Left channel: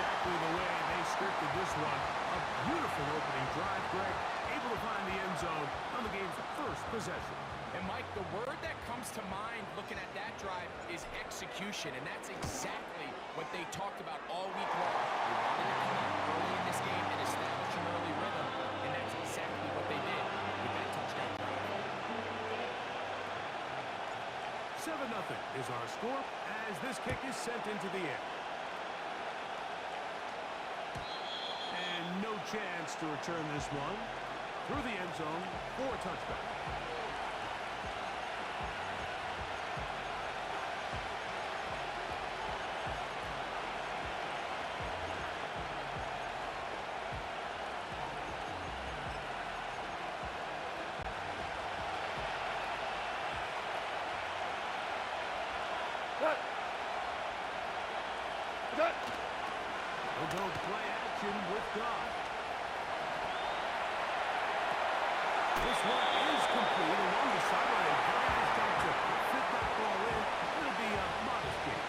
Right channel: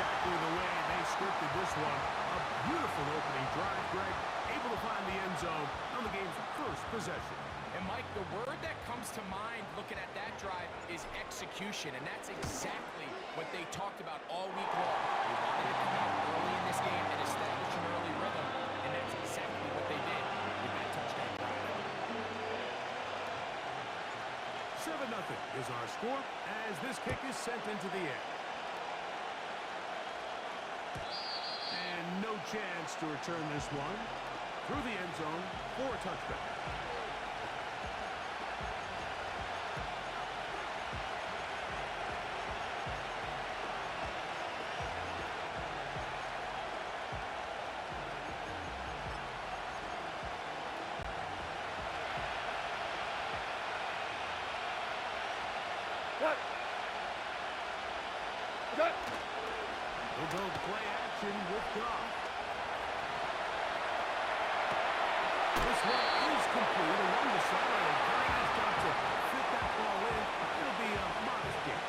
exactly the way they scripted this one. A beautiful opening drive, Greg, able to find the end zone on the game's first possession. And, Mike, the word that comes to mind looking at that drive is execution, and that's exactly what they talked about all week long. They wanted to come out early in this game and establish an early rhythm, and that's exactly what they did with that touchdown drive. 7-0 is our score as this kick is sent into the air. And no chance to return this one through the end zone for a touchback. They'll go play action with Goff. This one is complete along the sideline. A very nice job to fit that ball in. It'll be a modest gain.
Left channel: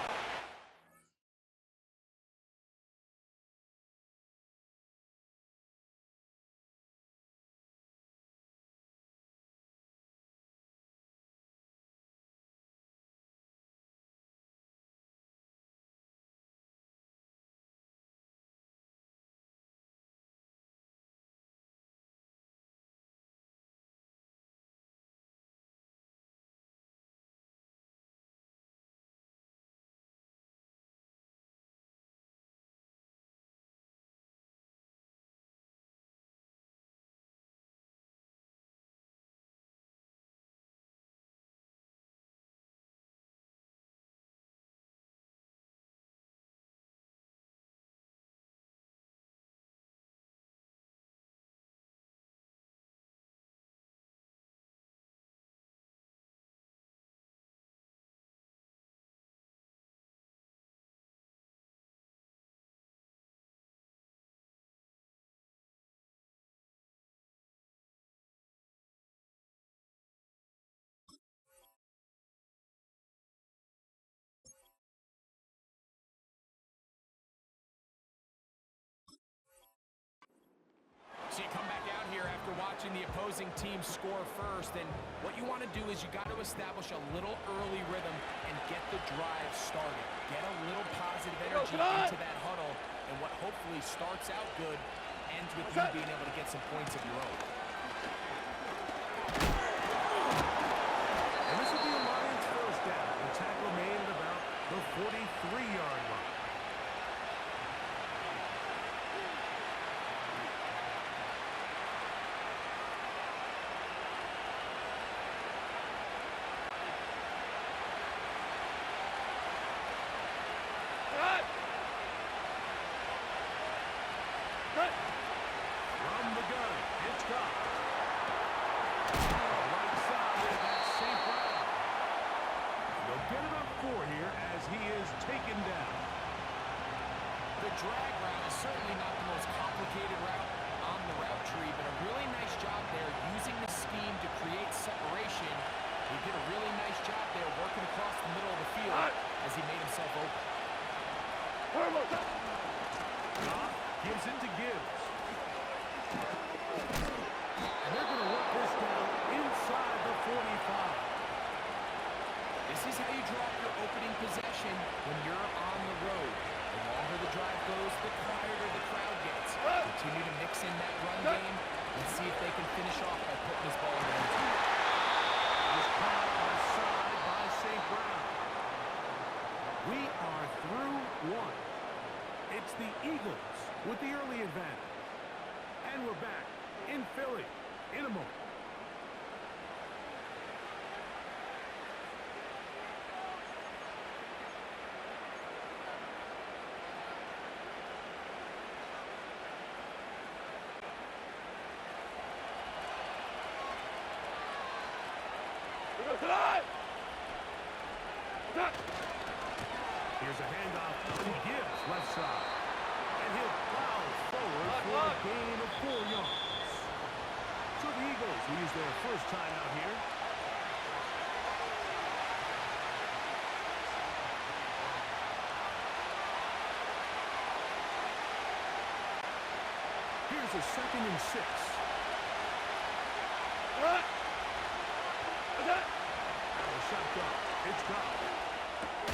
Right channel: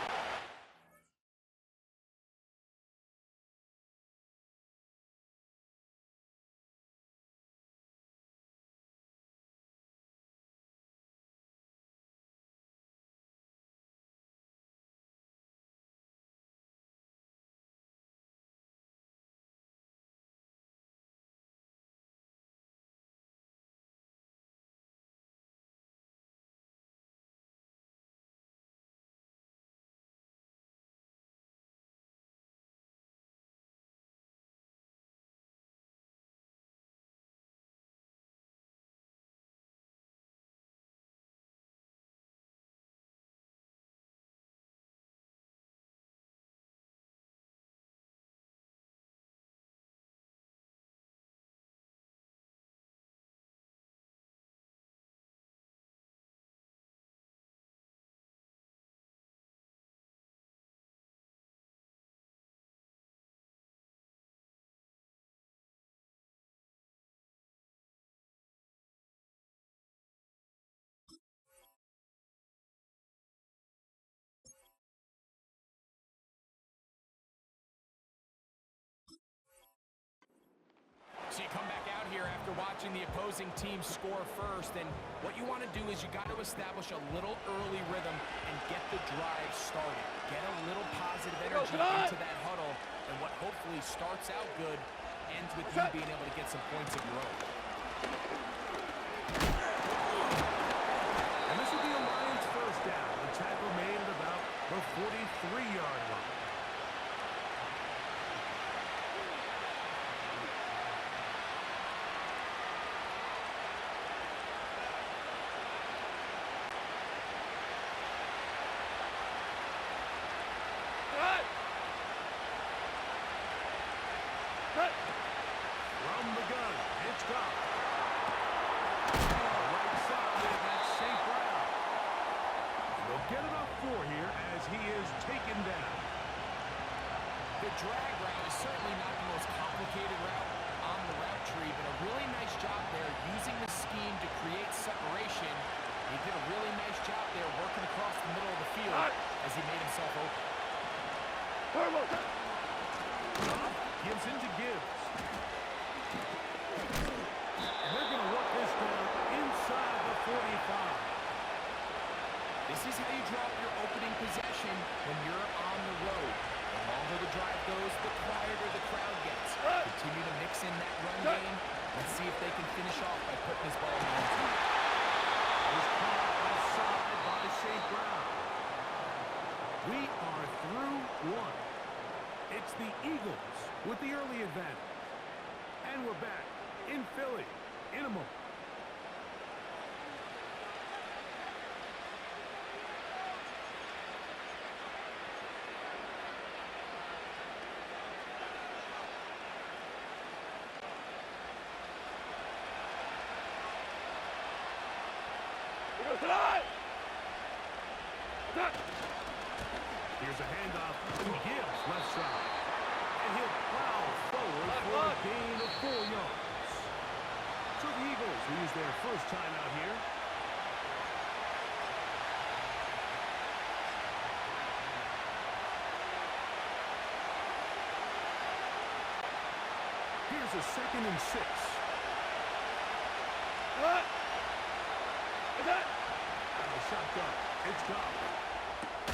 So you come back out here after watching the opposing team score first, and what you want to do is you got to establish a little early rhythm and get the drive started. Get a little positive energy into that huddle, and what hopefully starts out good ends with you being able to get some points of your own. And this will be a Lions first down. The tackle made at about the 43-yard line. From the gun, it's Goff. Right side, and that's St. Brown. And they'll get about 4 here as he is taken down. The drag route is certainly not the most complicated route on the route tree, but a really nice job there using the scheme to create separation. He did a really nice job there working across the middle of the field as he made himself open. Goff gives it to Gibbs. And they're going to work this down inside the 45. This is how you draw up your opening possession when you're on the road. The longer the drive goes, the quieter the crowd gets. Continue to mix in that run game. Let's see if they can finish off by putting this ball in the end zone. Was caught left side by St. Brown. We are through one. It's the Eagles with the early advantage. And we're back in Philly in a moment. Here's a handoff to Gibbs, left side. And he'll plow forward for a gain of 4 yards. So the Eagles will use their first time out here. Here's a 2nd and 6. Out of the shotgun. It's gone.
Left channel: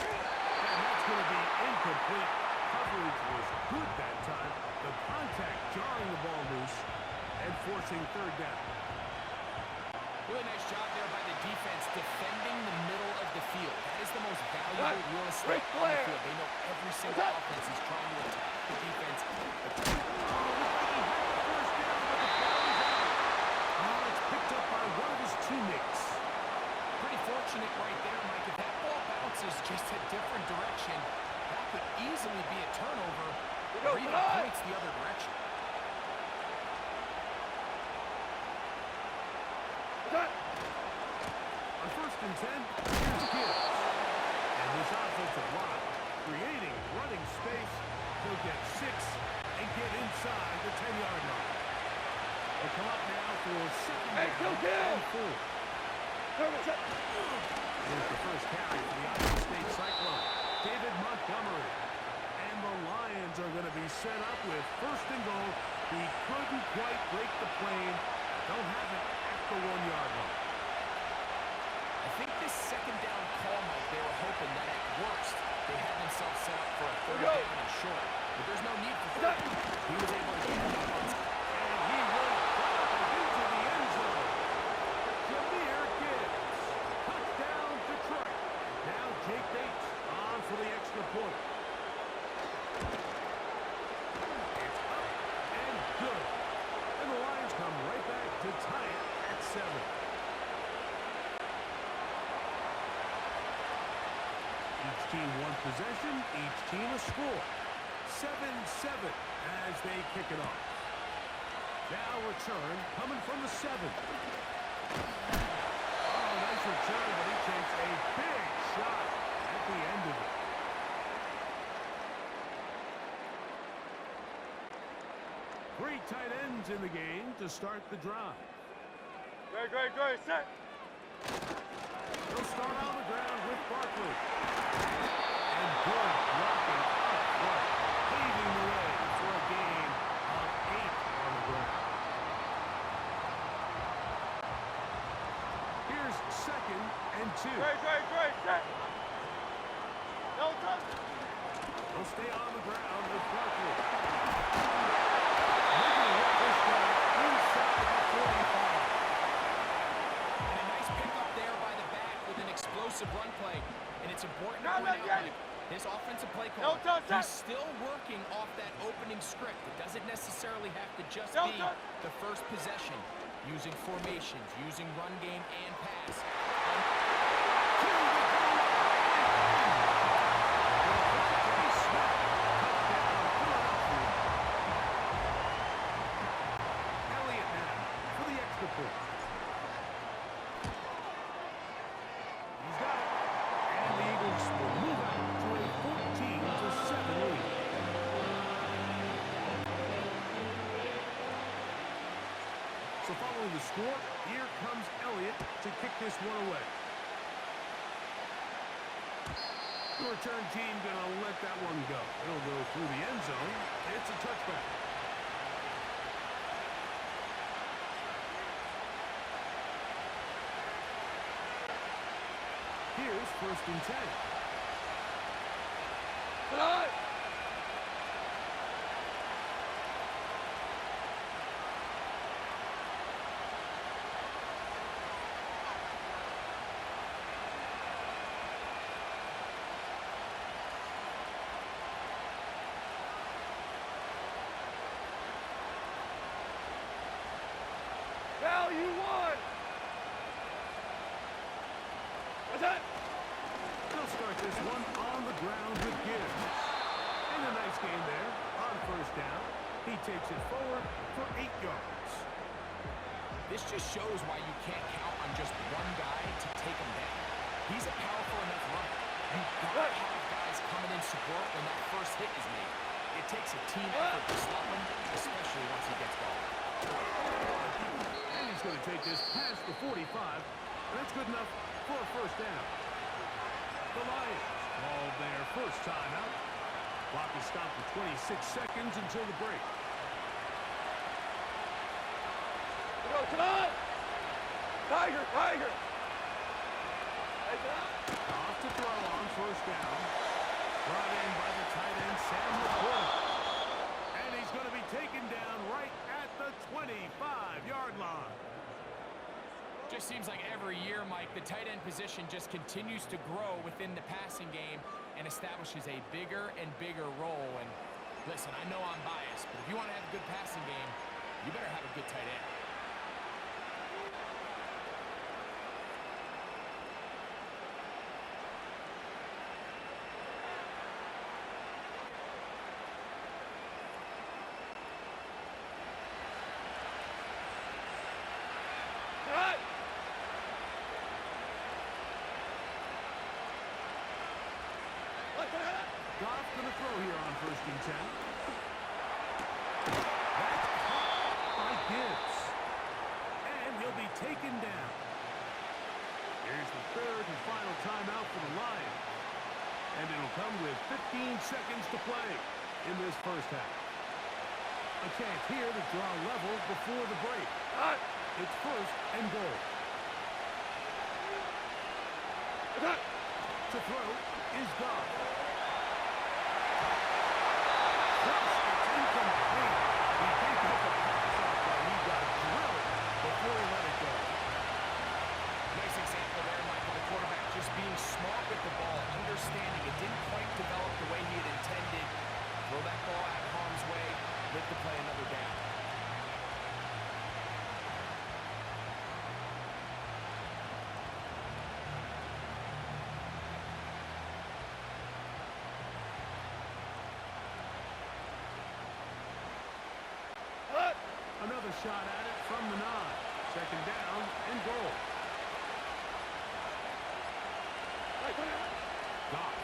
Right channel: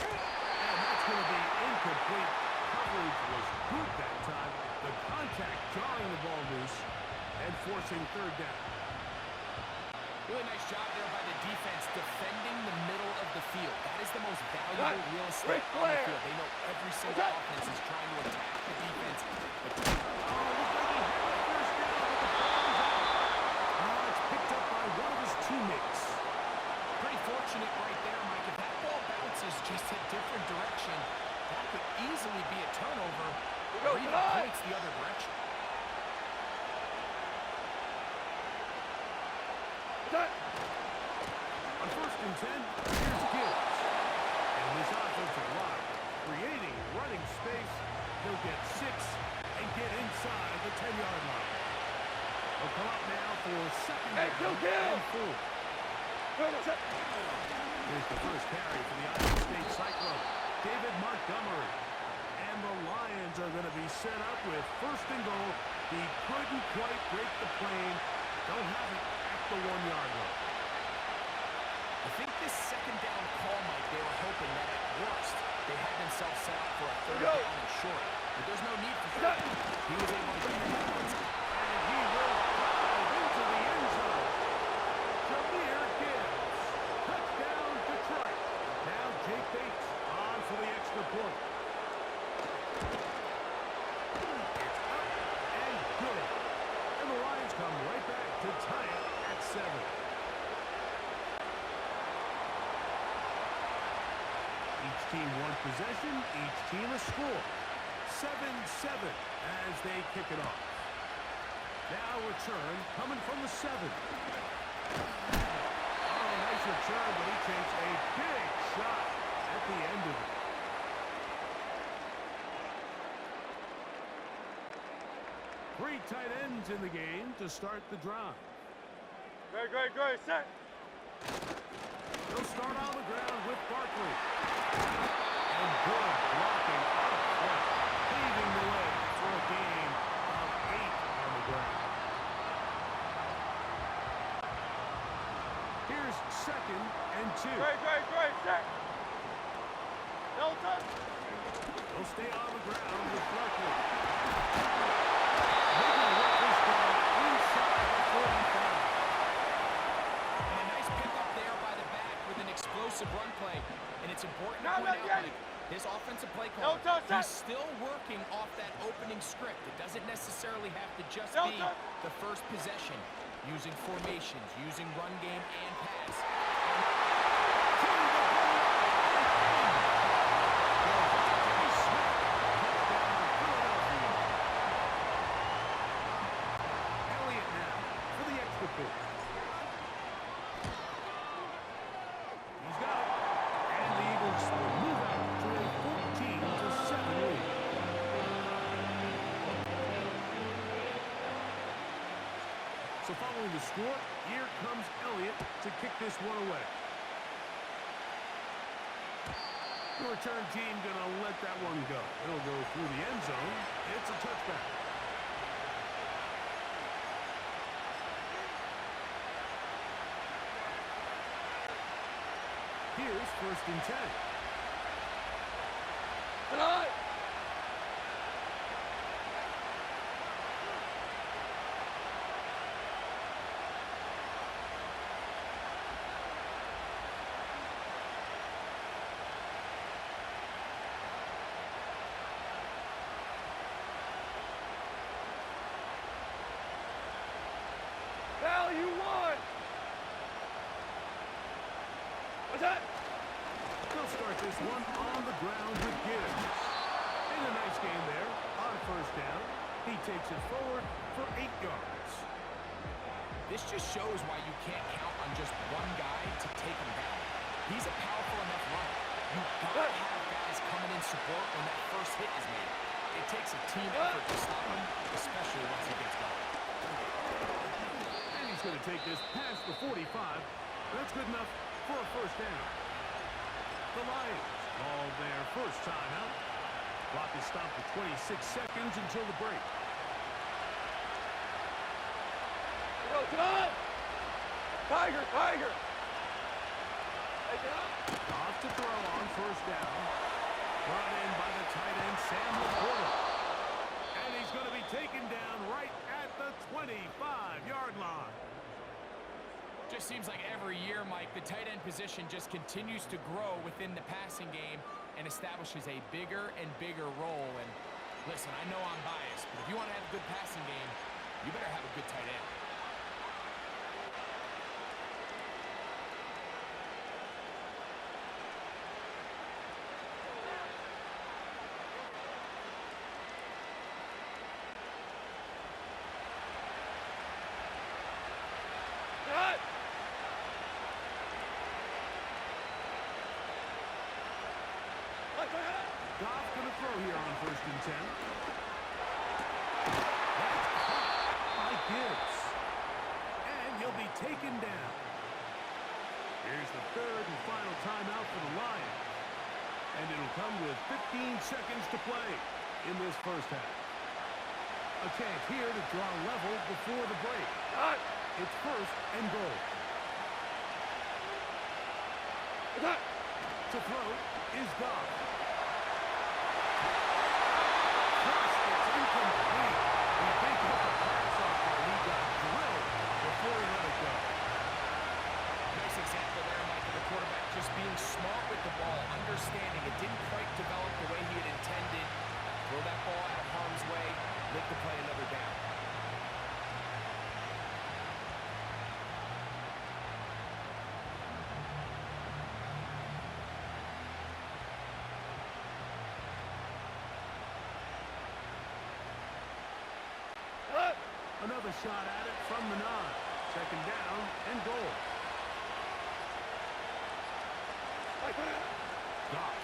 And that's going to be incomplete. Coverage was good that time. The contact jarring the ball loose and forcing 3rd down. Really nice job there by the defense defending the middle of the field. That is the most valuable real estate on the field. They know every single offense is trying to attack the defense. Oh, looks like he had the 1st down, but the ball is out. Oh, it's picked up by one of his teammates. Pretty fortunate right there, Mike. If that ball bounces just a different direction, that could easily be a turnover or even points the other direction. On 1st and 10, here's Gibbs. And this offensive line creating running space. He'll get 6 and get inside the 10-yard line. He'll come up now for 2nd down and 4. Here's the first carry for the Iowa State Cyclone, David Montgomery. And the Lions are going to be set up with 1st and goal. He couldn't quite break the plane. Don't have it at the 1-yard line. I think this 2nd down call, Mike, they were hoping that at worst they had themselves set up for a 3rd down and short. But there's no need for 3rd down. He was able to get it up on time. And he will dive into the end zone. Jahmyr Gibbs. Touchdown, Detroit. Now Jake Bates on for the extra point. It's up and good. And the Lions come right back to tie it at 7. Each team one possession, each team a score. 7-7 as they kick it off. Now return coming from the 7. Oh, nice return, but he takes a big shot at the end of it. Three tight ends in the game to start the drive. Great, set. They'll start on the ground with Barkley. And good blocking up front, paving the way for a gain of 8 on the ground. Here's 2nd and 2. Great, set. No touch. They'll stay on the ground with Barkley. They're going to work this down inside the 45. And a nice pickup there by the back with an explosive run play. And it's important to point out, Mike, this offensive play caller, he's still working off that opening script. It doesn't necessarily have to just be the first possession. Using formations, using run game and pass. To the goal line and in. Devontae Smith, touchdown, Philadelphia. Elliott now for the extra point. He's got it. And the Eagles will move out to a 14-7 lead. So following the score, here comes Elliott to kick this one away. The return team gonna let that one go. It'll go through the end zone. It's a touchback. Here's 1st and 10. Tonight. Value 1. What's that? They'll start this one on the ground with Gibbs. And a nice game there on 1st down. He takes it forward for 8 yards. This just shows why you can't count on just one guy to take him down. He's a powerful enough runner. You've got to have guys coming in support when that first hit is made. It takes a team effort to stop him, especially once he gets going. And he's going to take this past the 45. And that's good enough for a 1st down. The Lions call their first timeout. Clock is stopped for 26 seconds until the break. Go tonight. Tiger, Tiger. Take it up. Off to throw on first down. Brought in by the tight end, Sam LaPorta. And he's going to be taken down right at the 25-yard line. Just seems like every year, Mike, the tight end position just continues to grow within the passing game and establishes a bigger and bigger role. And listen, I know I'm biased, but if you want to have a good passing game, you better have a good tight end. Tonight. Like that. Goff going to throw here on 1st and 10. That's caught by Gibbs. And he'll be taken down. Here's the 3rd and final timeout for the Lions. And it'll come with 15 seconds to play in this first half. A chance here to draw level before the break. Tonight. It's 1st and goal. Tonight. To throw is Goff. First, it's incomplete. He did get the pass off, but he got drilled before he let it go. Nice example there, Mike, of the quarterback just being smart with the ball, understanding it didn't quite develop the way he had intended. Throw that ball out of harm's way, let the play another down. Another shot at it from the 9. 2nd down and goal. Like that. Goff.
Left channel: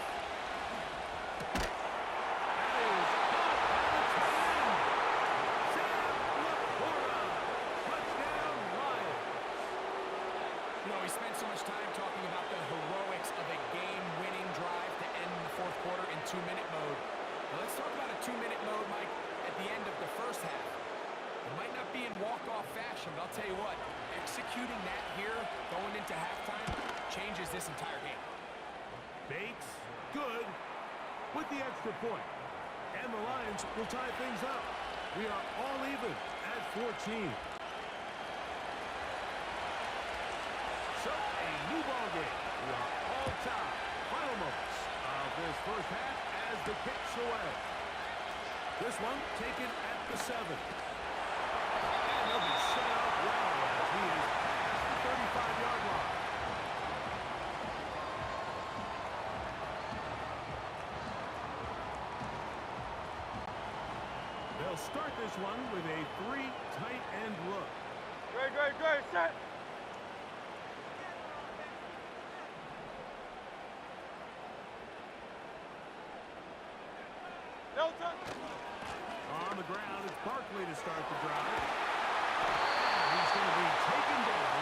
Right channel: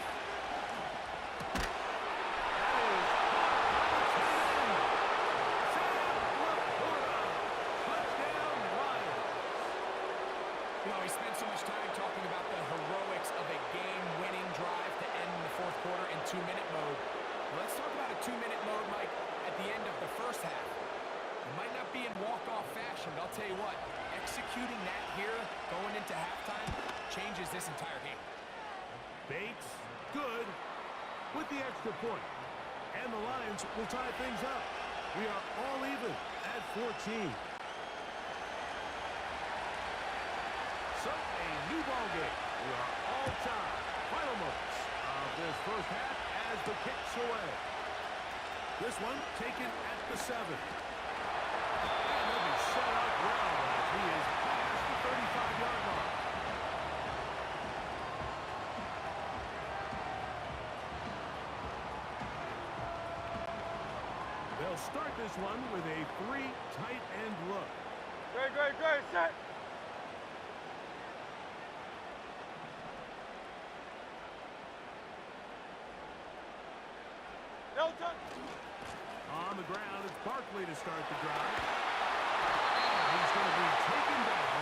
That is caught by the tight end. Sam LaPorta. Touchdown, Lions. You know, he spent so much time talking about the heroics of a game-winning drive to end the 4th quarter in 2-minute mode. Well, let's talk about a 2-minute mode, Mike, at the end of the first half. It might not be in walk-off fashion, but I'll tell you what, executing that here, going into halftime, changes this entire game. Bates, good, with the extra point. And the Lions will tie things up. We are all even at 14. So, a new ball game. We are all tied. Final moments of this first half as the kick's away. This one taken at the 7. And he'll be set up well as he is past the 35-yard line. They'll start this one with a 3 tight end look. Great, set. No touch. On the ground, it's Barkley to start the drive. And he's going to be taken down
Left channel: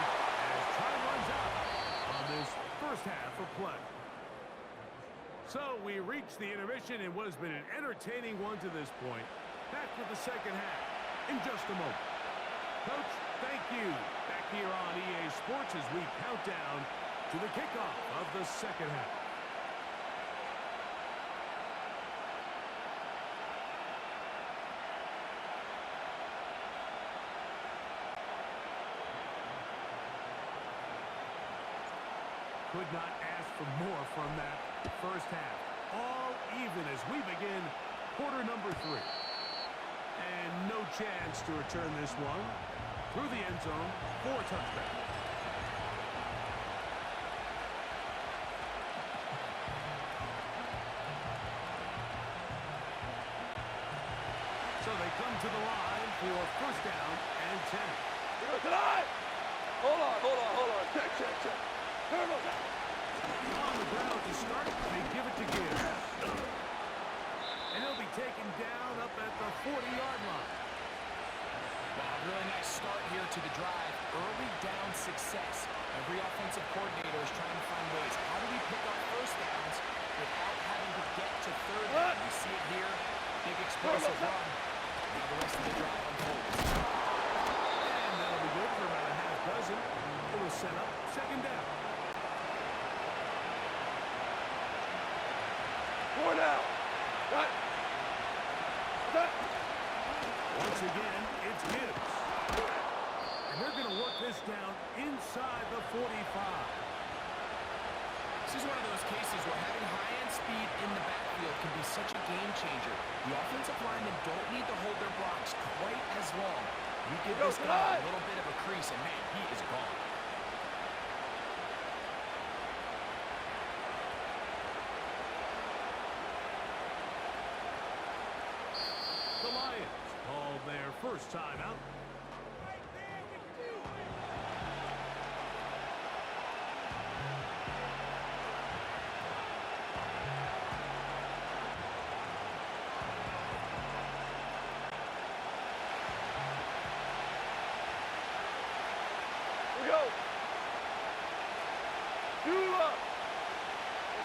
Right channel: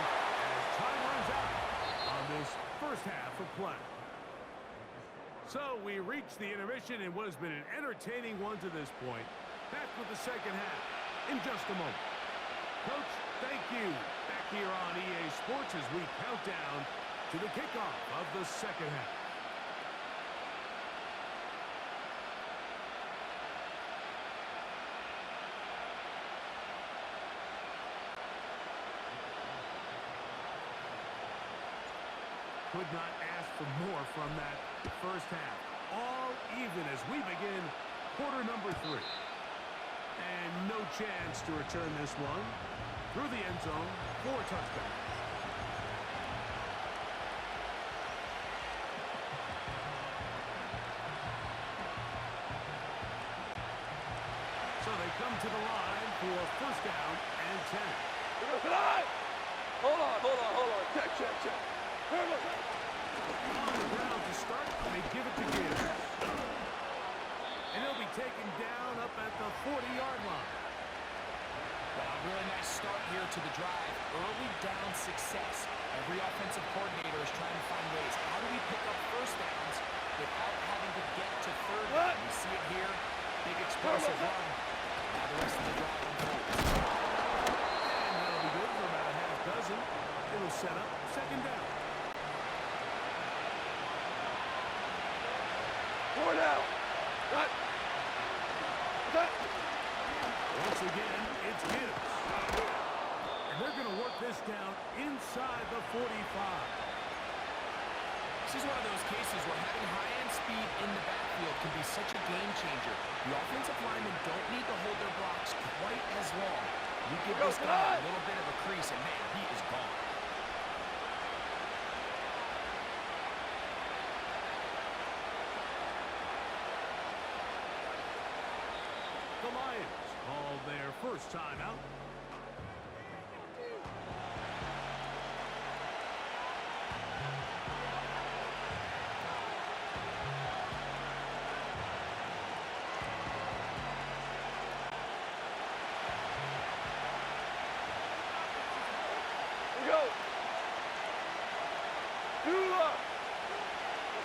as time runs out on this first half of play. So we reach the intermission in what has been an entertaining one to this point. Back with the second half in just a moment. Coach, thank you. Back here on EA Sports as we count down to the kickoff of the second half. Could not ask for more from that first half. All even as we begin quarter number 3. And no chance to return this one through the end zone for a touchback. So they come to the line for first down and 10. We go tonight. Hold on. Check. Turbo's out. On the ground to start, they give it to Gibbs. And he'll be taken down up at the 40-yard line. Well, a really nice start here to the drive. Early down success. Every offensive coordinator is trying to find ways. How do we pick up first downs without having to get to third down? We see it here. Big explosive run. Now the rest of the drive unfolds. And that'll be good for Doesn't. It'll set up second down. 4 down. Cut. Cut. Once again, it's Gibbs. And they're going to work this down inside the 45. This is one of those cases where having high-end speed in the backfield can be such a game changer. The offensive linemen don't need to hold their blocks quite as long. You give this guy a little bit of a crease, and man, he is gone. The Lions call their first timeout. We go. 2 up.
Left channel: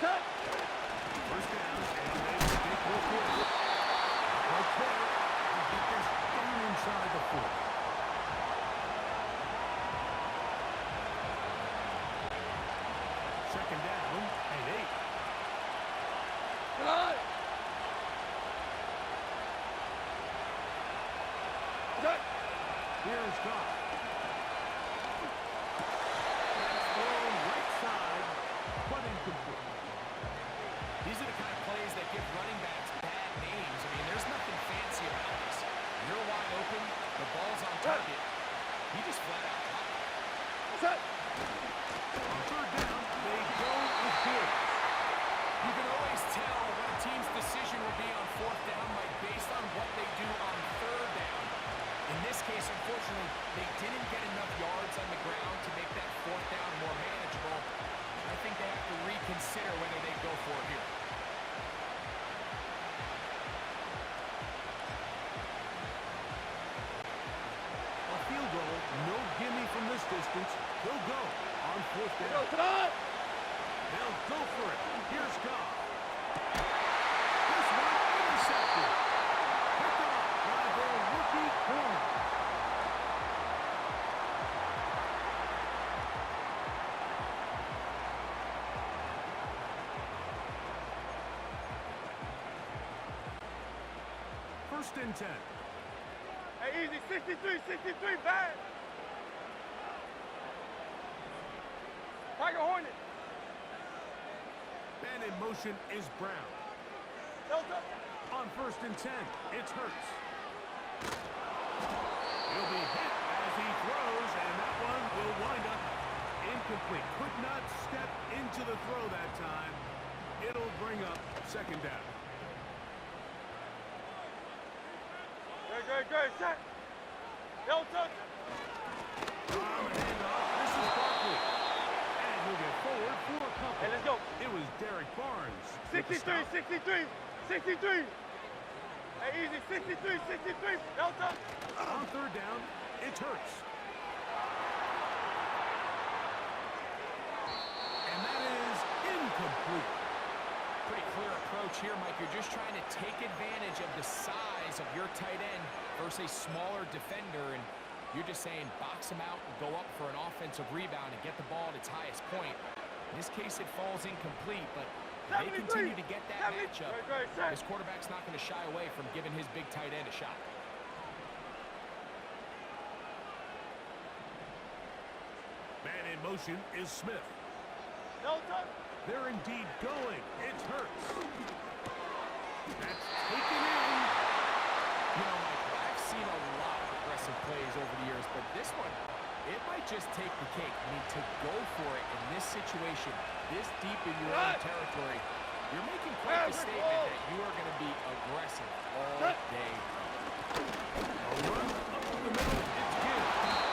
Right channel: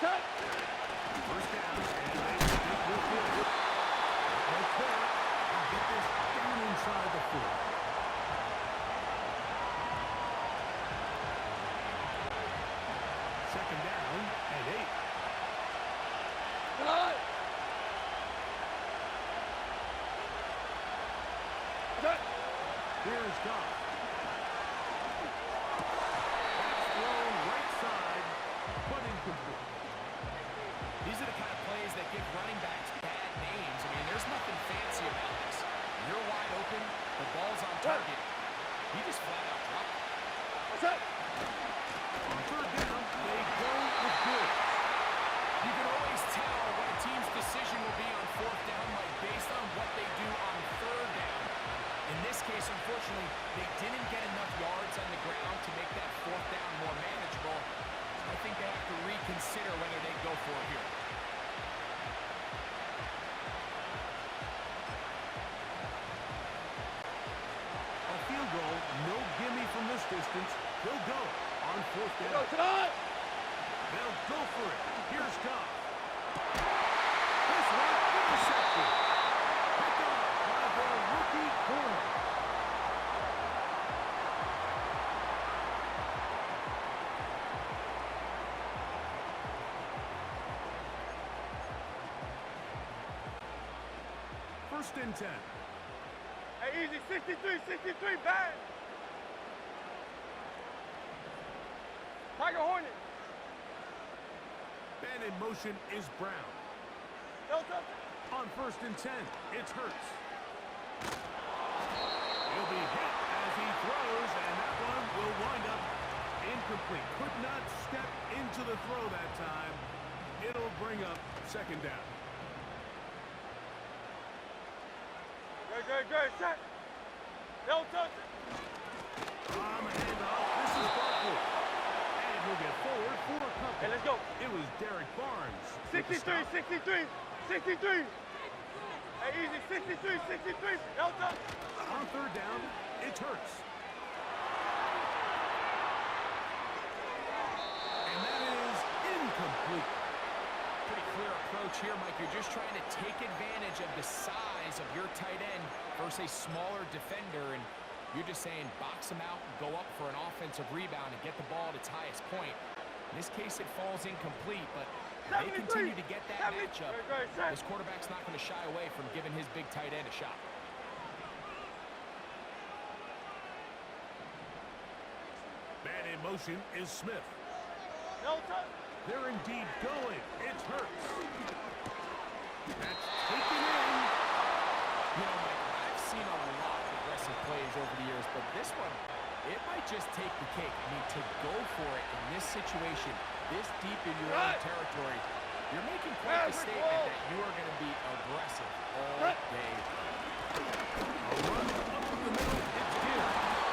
Cut. First down, and they think we'll get it. Right there. And get this down inside the 4. Second down and 8. Cut. Cut. Here's Goff. That's thrown right side, but incomplete. These are the kind of plays that give running backs bad names. I mean, there's nothing fancy about this. You're wide open, the ball's on target. He just flat out dropped it. What's that? On third down, they go with Gibbs. You can always tell what a team's decision will be on fourth down, Mike, based on what they do on third down. In this case, unfortunately, they didn't get enough yards on the ground to make that fourth down more manageable. I think they have to reconsider whether they go for it here. A field goal, no gimme from this distance. He'll go on fourth Go down. tonight. They'll go for it. Here's Goff. This one intercepted. Picked off by their rookie corner. First and 10. Hey, easy. 63, bang. Tiger Hornet. Man in motion is Brown. No touchdown. On first and 10, it's Hurts. He'll be hit as he throws, and that one will wind up incomplete. Could not step into the throw that time. It'll bring up second down. Good. Set. No touchdown. From a handoff, this is Barkley. And he'll get forward for a couple. Hey, let's go. It was Derek Barnes. with the 63. stop. Hey, easy. 63. No touchdown. On third down, it's Hurts. And that is incomplete. Pretty clear approach here, Mike. You're just trying to take advantage of the size of your tight end versus a smaller defender, and you're just saying box him out and go up for an offensive rebound and get the ball at its highest point. In this case, it falls incomplete, but they continue to get that matchup. This quarterback's not going to shy away from giving his big tight end a shot. Man in motion is Smith. No touchdown. They're indeed going. It's Hurts. That's taken in. You know, Mike, I've seen a lot of aggressive plays over the years, but this one, it might just take the cake. I mean, to go for it in this situation, this deep in your own territory, you're making quite the statement that you are going to be aggressive all day. A run up the middle. It's Gibbs.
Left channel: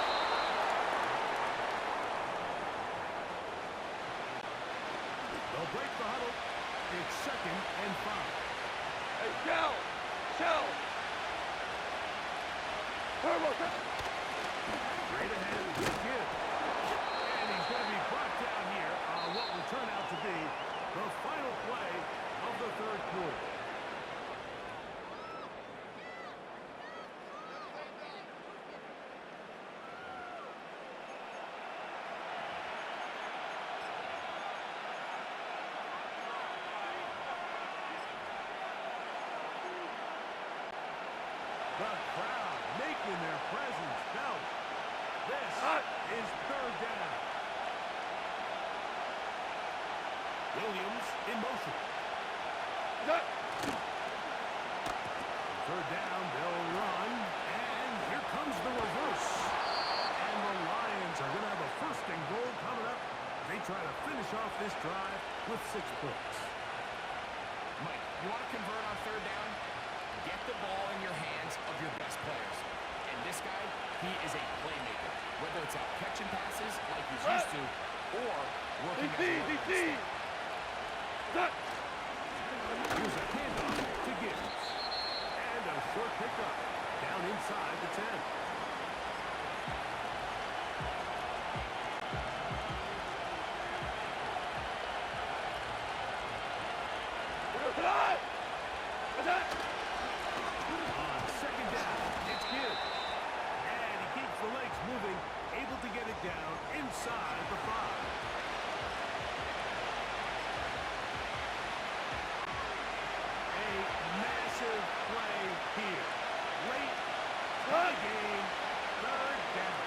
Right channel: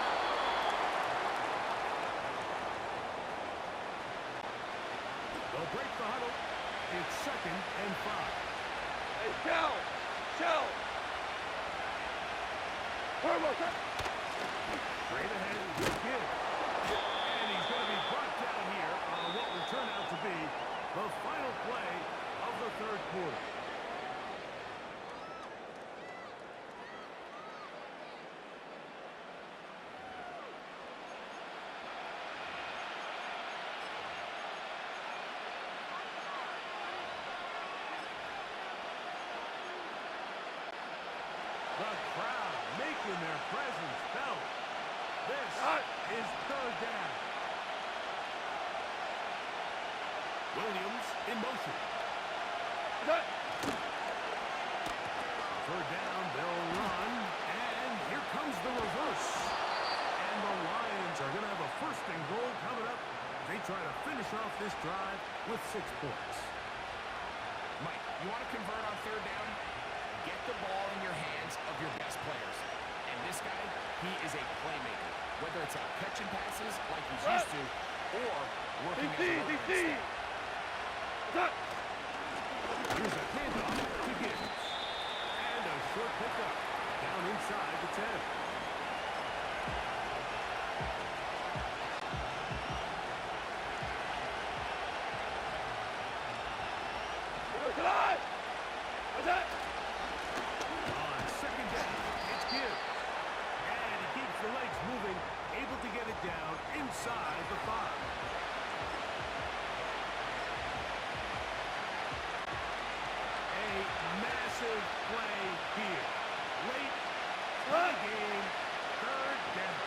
They'll break the huddle. It's second and 5. Hey, shell. Turbo. Straight ahead with Gibbs. And he's going to be brought down here on what will turn out to be the final play of the third quarter. The crowd making their presence felt. This is third down. Williams in motion. Third down, they'll run, and here comes the reverse. And the Lions are going to have a first and goal coming up. They try to finish off this drive with 6 points. Mike, you want to convert on third down? Get the ball in your hands of your best players. And this guy, he is a playmaker. Whether it's out catching passes like he's used to, or working as a runner instead. Here's a handoff to Gibbs. And a short pickup down inside the 10. On second down, it's Gibbs. And he keeps the legs moving, able to get it down inside the 5. Massive play here. Late tie game, third down.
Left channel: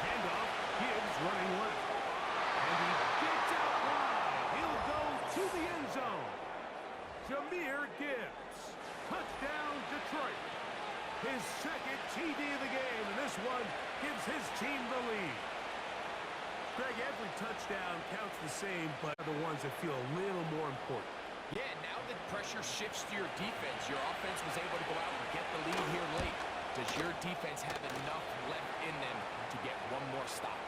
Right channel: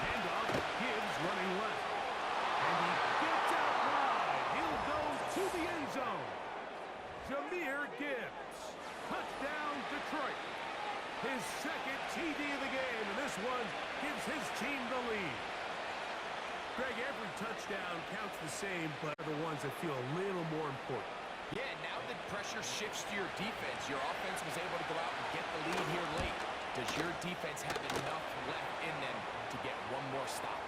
Handoff, Gibbs running left. And he gets out wide. He'll go to the end zone. Jahmyr Gibbs. Touchdown, Detroit. His second TD of the game, and this one gives his team the lead. Greg, every touchdown counts the same, but the ones that feel a little more important. Yeah, now that pressure shifts to your defense, your offense was able to go out and get the lead here late. Does your defense have enough left in them to get one more stop?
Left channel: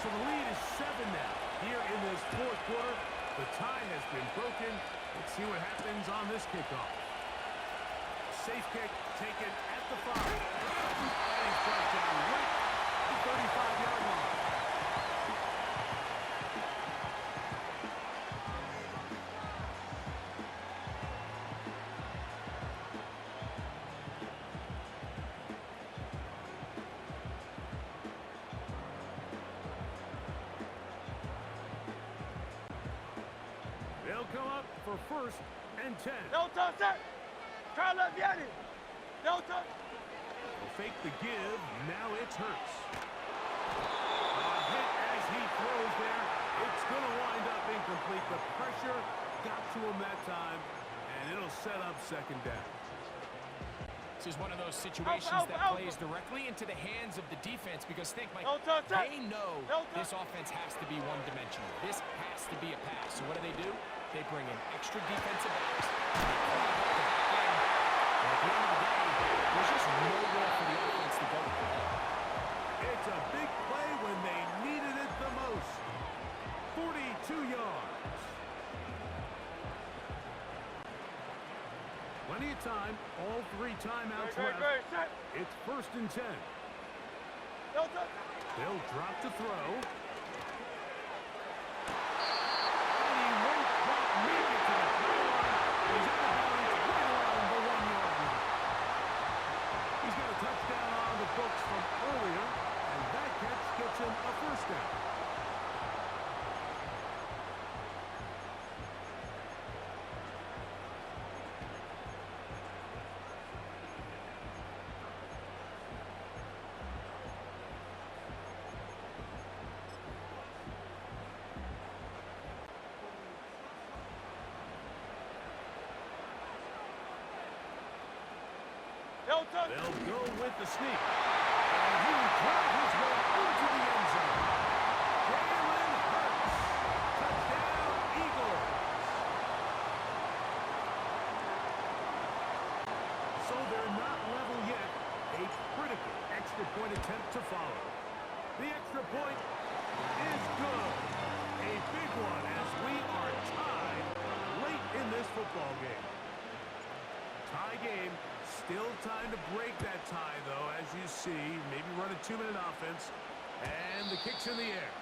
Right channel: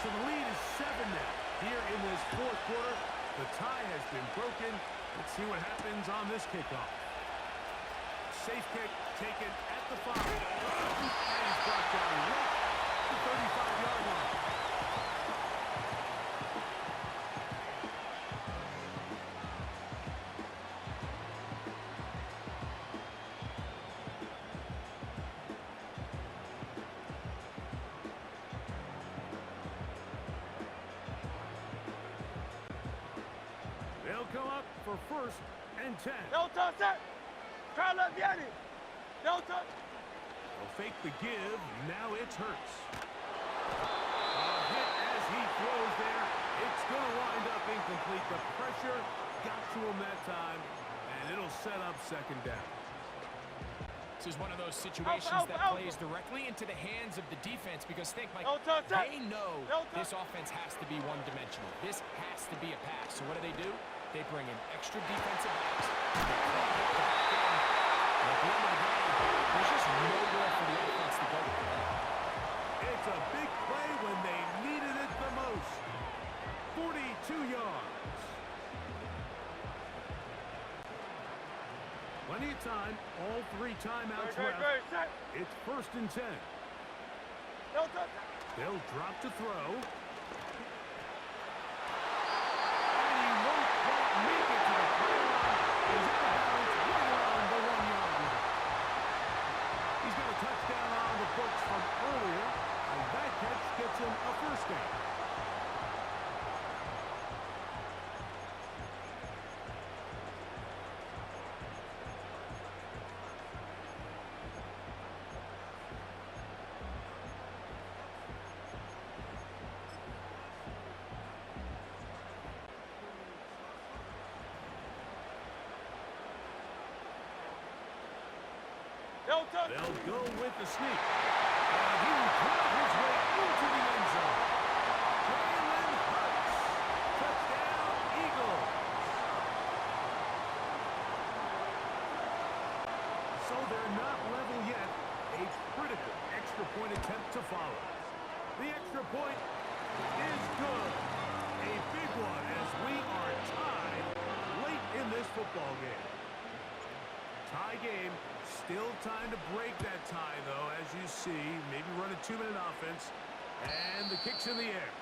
So the lead is 7 now. Here in this fourth quarter, the tie has been broken. Let's see what happens on this kickoff. Safe kick taken at the 5. And he's brought down right at the 35-yard line. They'll come up for first and 10. No touch, sir. Try to let Vianney. No touch. They'll fake the give. Now it's Hurts. A hit as he throws there. It's going to wind up incomplete. The pressure got to him that time, and it'll set up second down. This is one of those situations that plays directly into the hands of the defense because think, Mike, they know this offense has to be one-dimensional. This has to be a pass. So what do? They bring in extra defensive backs. They clog up the back end. And at the end of the day, there's just nowhere for the offense to go with the ball. It's a big play when they needed it the most. 42 yards. Plenty of time. All 3 timeouts left. It's first and 10. They'll drop to throw. And he won't quite make it to the pylon. He's out of bounds right around the 1-yard line. He's got a touchdown on the books from earlier, and that catch gets him a first down. They'll go with the sneak. And he will drive his way into the end zone. Jalen Hurts. Touchdown, Eagles. So they're not level yet. A critical extra point attempt to follow. The extra point is good. A big one as we are tied late in this football game. Tie game. Still time to break that tie, though, as you see. Maybe run a 2-minute offense. And the kick's in the air.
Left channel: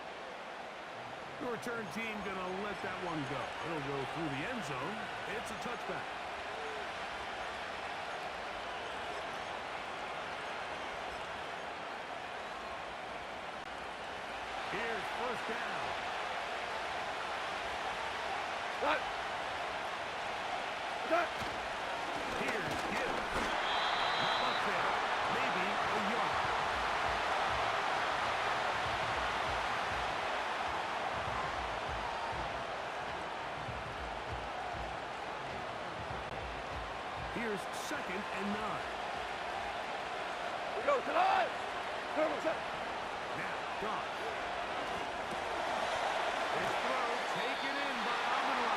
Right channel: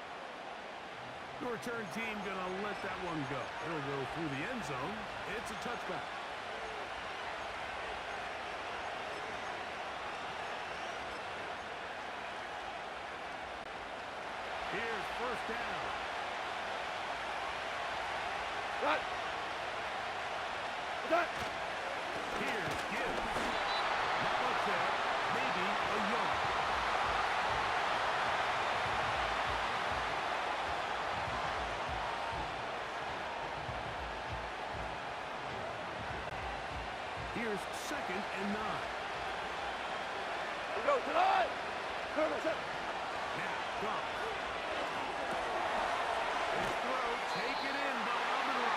The return team going to let that one go. It'll go through the end zone. It's a touchback. Here's first down. That. That. Here's Gibbs. Not much there. Maybe a yard. Here's 2nd and 9. We go tonight. Now, Goff. His throw taken in by Amon-Ra.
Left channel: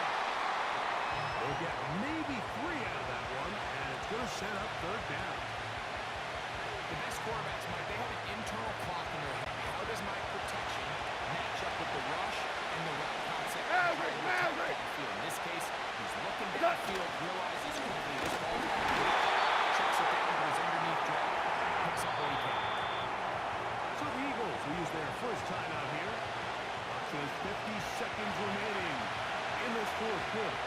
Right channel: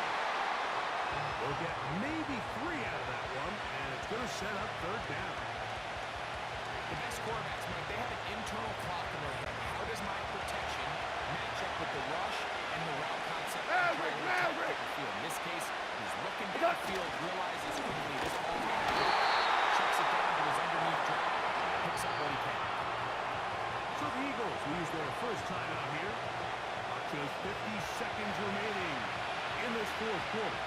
They'll get maybe 3 out of that one, and it's going to set up 3rd down. The best quarterbacks, Mike, they have an internal clock in their head. How does my protection match up with the rush and the route concept? Maverick! In this case, he's looking downfield, realizes quickly this ball's got to go. Checks it down to his underneath drag, picks up what he can. So the Eagles will use their first timeout here. Just 50 seconds remaining in this 4th quarter.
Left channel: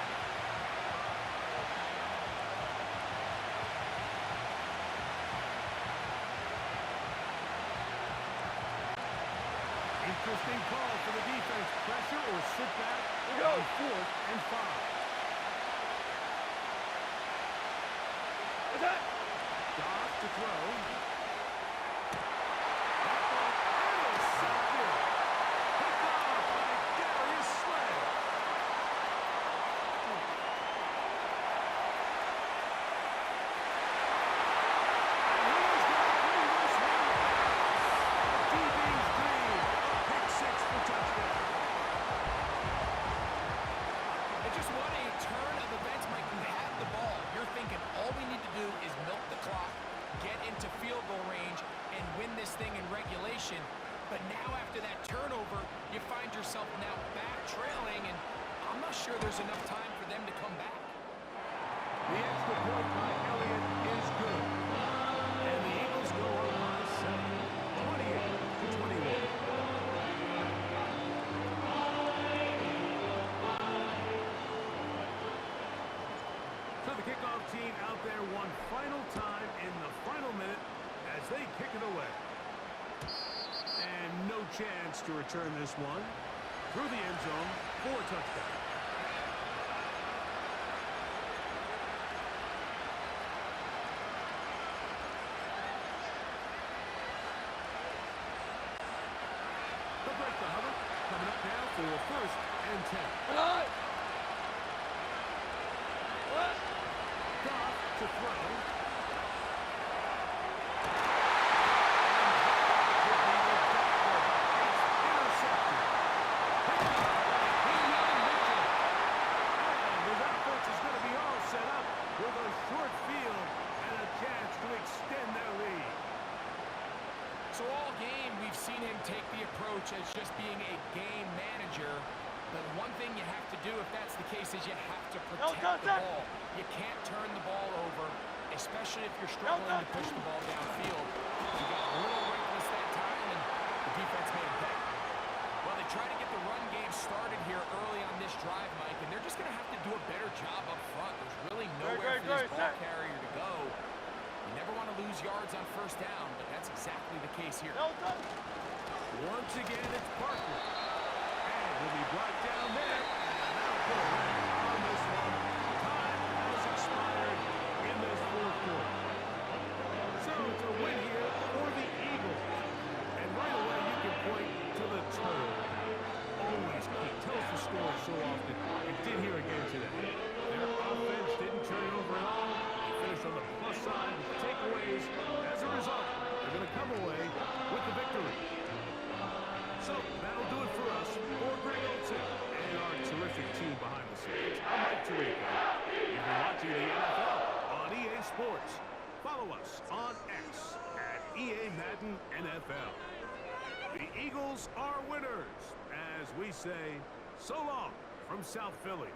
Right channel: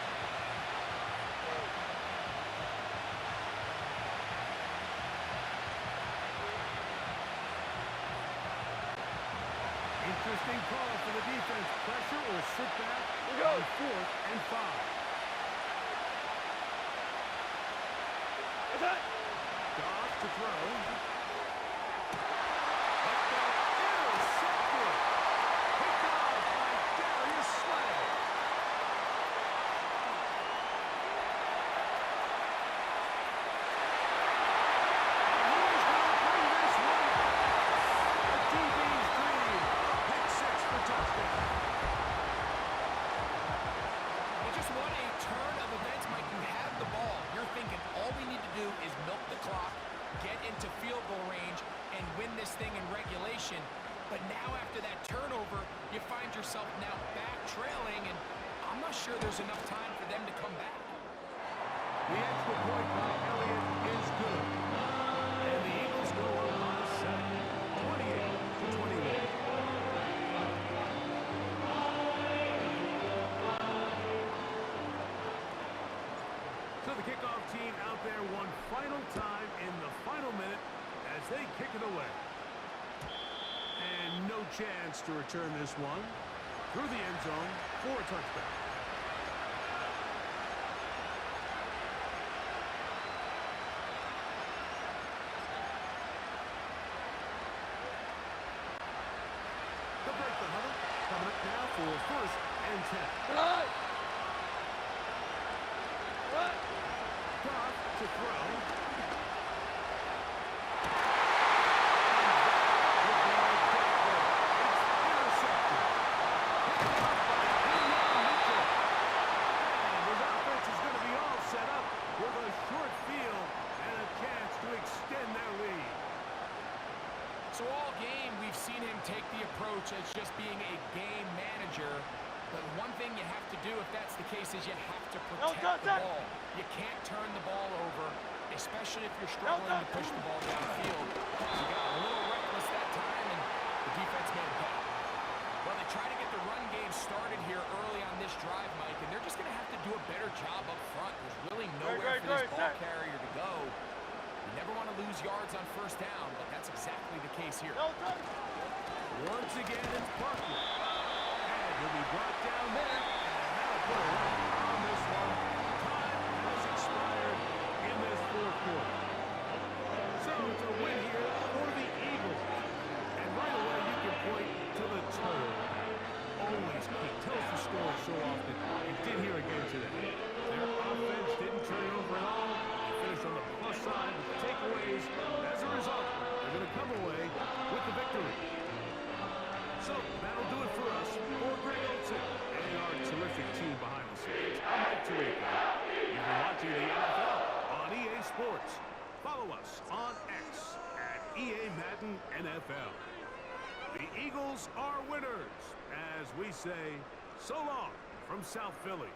Interesting call for the defense. Pressure or sit back on 4th and 5. Attack. Goff to throw. That ball intercepted. Picked off by Darius Slay. And he's going to bring this one back. A DB's dream. A pick 6 for touchdown. It's just what a turn of events, Mike. You have the ball. You're thinking all we need to do is milk the clock, get into field goal range, and win this thing in regulation. But now after that turnover, you find yourself now back trailing, and I'm not sure there's enough time for them to come back. The extra point by Elliott is good. And the Eagles go up by 7, 28-21. So the kickoff team out there one final time in the final minute as they kick it away. And no chance to return this one through the end zone for a touchback. They'll break the huddle. Coming up now for 1st and 10. Tonight. What? Goff to throw. Short field and a chance to extend their lead. So all game, we've seen him take the approach as just being a game manager. But one thing you have to do if that's the case is you have to protect the ball. You can't turn the ball over, especially if you're struggling to push the ball downfield. He got a little reckless that time, and the defense made him pay. Well, they try to get the run game started here early on this drive, Mike, and they're just going to have to do a better job up front. There's really nowhere for this ball carrier to go. You never want to lose yards on 1st down, but that's exactly the case here. Once again, it's Parker. And he'll be brought down there, and that'll put a wrap on this one. Time has expired in this 4th quarter. So it's a win here for the Eagles. And right away, you can point to the total. Always he tells the story so often. You did hear again today. Their offense didn't turn it over at all. They finished on the plus side with the takeaways. As a result, they're going to come away with the victory. So that'll do it for us. For Greg Olson and our terrific team behind the scenes, I'm Mike Tirico. You've been watching the NFL on EA Sports. Follow us on X at EA Madden NFL. The Eagles are winners, as we say so long from South Philly.